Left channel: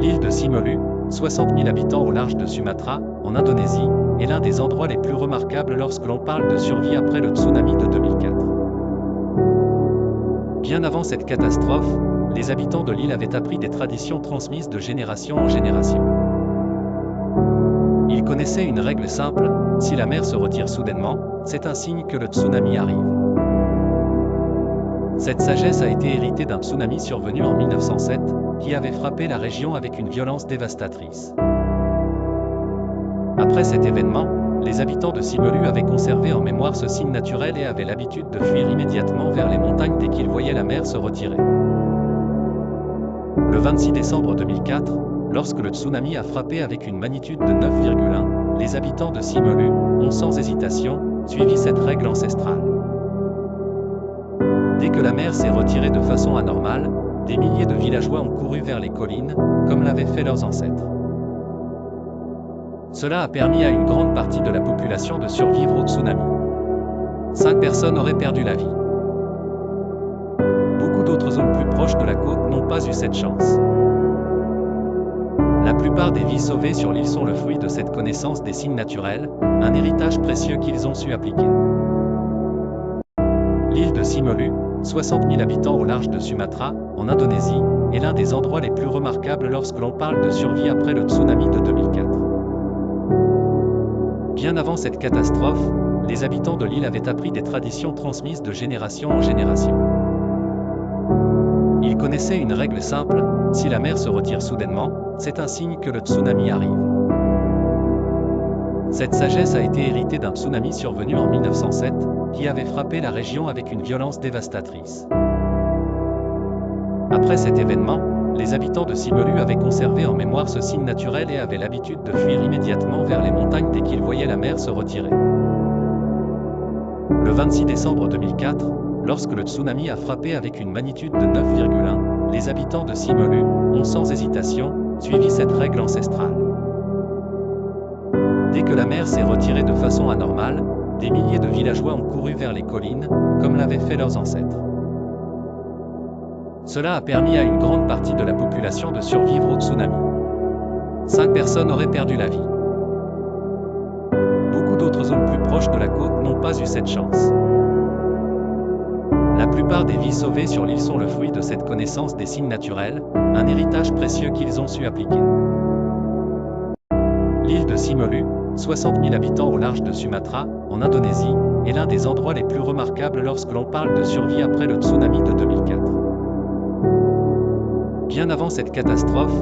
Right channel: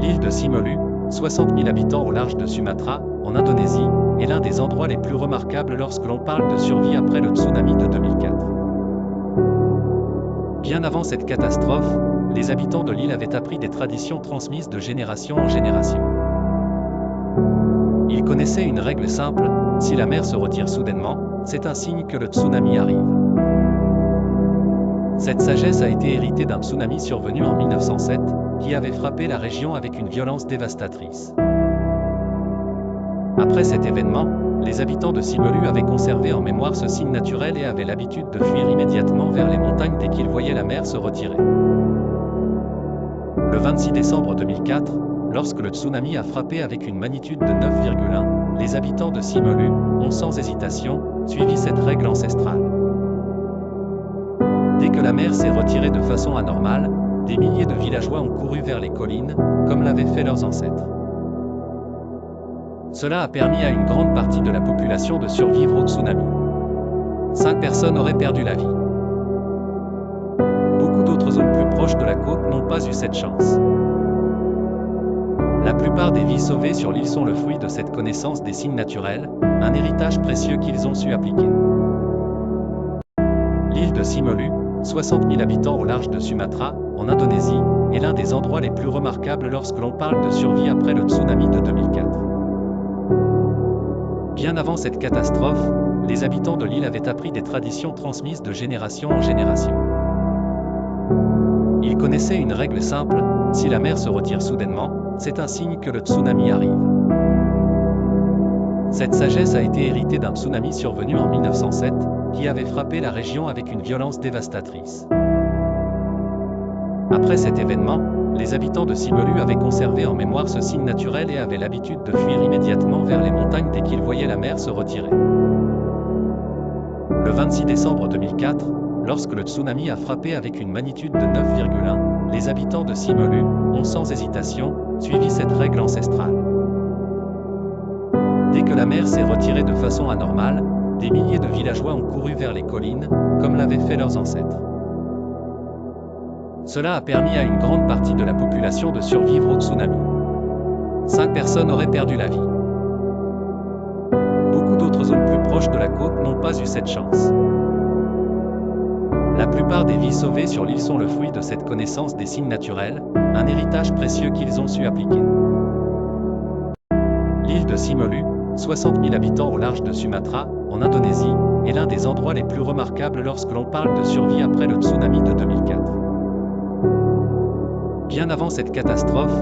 L'île de Simolu, 60 000 habitants au large de Sumatra, en Indonésie, est l'un des endroits les plus remarquables lorsque l'on parle de survie après le tsunami de 2004. Bien avant cette catastrophe, les habitants de l'île avaient appris des traditions transmises de génération en génération. Ils connaissaient une règle simple: si la mer se retire soudainement, c'est un signe que le tsunami arrive. Cette sagesse a été héritée d'un tsunami survenu en 1907, qui avait frappé la région avec une violence dévastatrice. Après cet événement, les habitants de Simolu avaient conservé en mémoire ce signe naturel et avaient l'habitude de fuir immédiatement vers les montagnes dès qu'ils voyaient la mer se retirer. Le 26 décembre 2004, lorsque le tsunami a frappé avec une magnitude de 9,1, les habitants de Simolu ont sans hésitation suivi cette règle ancestrale. Dès que la mer s'est retirée de façon anormale, des milliers de villageois ont couru vers les collines, comme l'avaient fait leurs ancêtres. Cela a permis à une grande partie de la population de survivre au tsunami. 5 personnes auraient perdu la vie. Beaucoup d'autres zones plus proches de la côte n'ont pas eu cette chance. La plupart des vies sauvées sur l'île sont le fruit de cette connaissance des signes naturels, un héritage précieux qu'ils ont su appliquer. L'île de Simolu, 60 000 habitants au large de Sumatra, en Indonésie, est l'un des endroits les plus remarquables lorsque l'on parle de survie après le tsunami de 2004. Bien avant cette catastrophe, les habitants de l'île avaient appris des traditions transmises de génération en génération. Ils connaissaient une règle simple: si la mer se retire soudainement, c'est un signe que le tsunami arrive. Cette sagesse a été héritée d'un tsunami survenu en 1907, qui avait frappé la région avec une violence dévastatrice. Après cet événement, les habitants de Simolu avaient conservé en mémoire ce signe naturel et avaient l'habitude de fuir immédiatement vers les montagnes dès qu'ils voyaient la mer se retirer. Le 26 décembre 2004, lorsque le tsunami a frappé avec une magnitude de 9,1, les habitants de Simolu ont sans hésitation suivi cette règle ancestrale. Dès que la mer s'est retirée de façon anormale, des milliers de villageois ont couru vers les collines, comme l'avaient fait leurs ancêtres. Cela a permis à une grande partie de la population de survivre au tsunami. 5 personnes auraient perdu la vie. Beaucoup d'autres zones plus proches de la côte n'ont pas eu cette chance. La plupart des vies sauvées sur l'île sont le fruit de cette connaissance des signes naturels, un héritage précieux qu'ils ont su appliquer. L'île de Simolu, 60 000 habitants au large de Sumatra, en Indonésie, est l'un des endroits les plus remarquables lorsque l'on parle de survie après le tsunami de 2004. Bien avant cette catastrophe,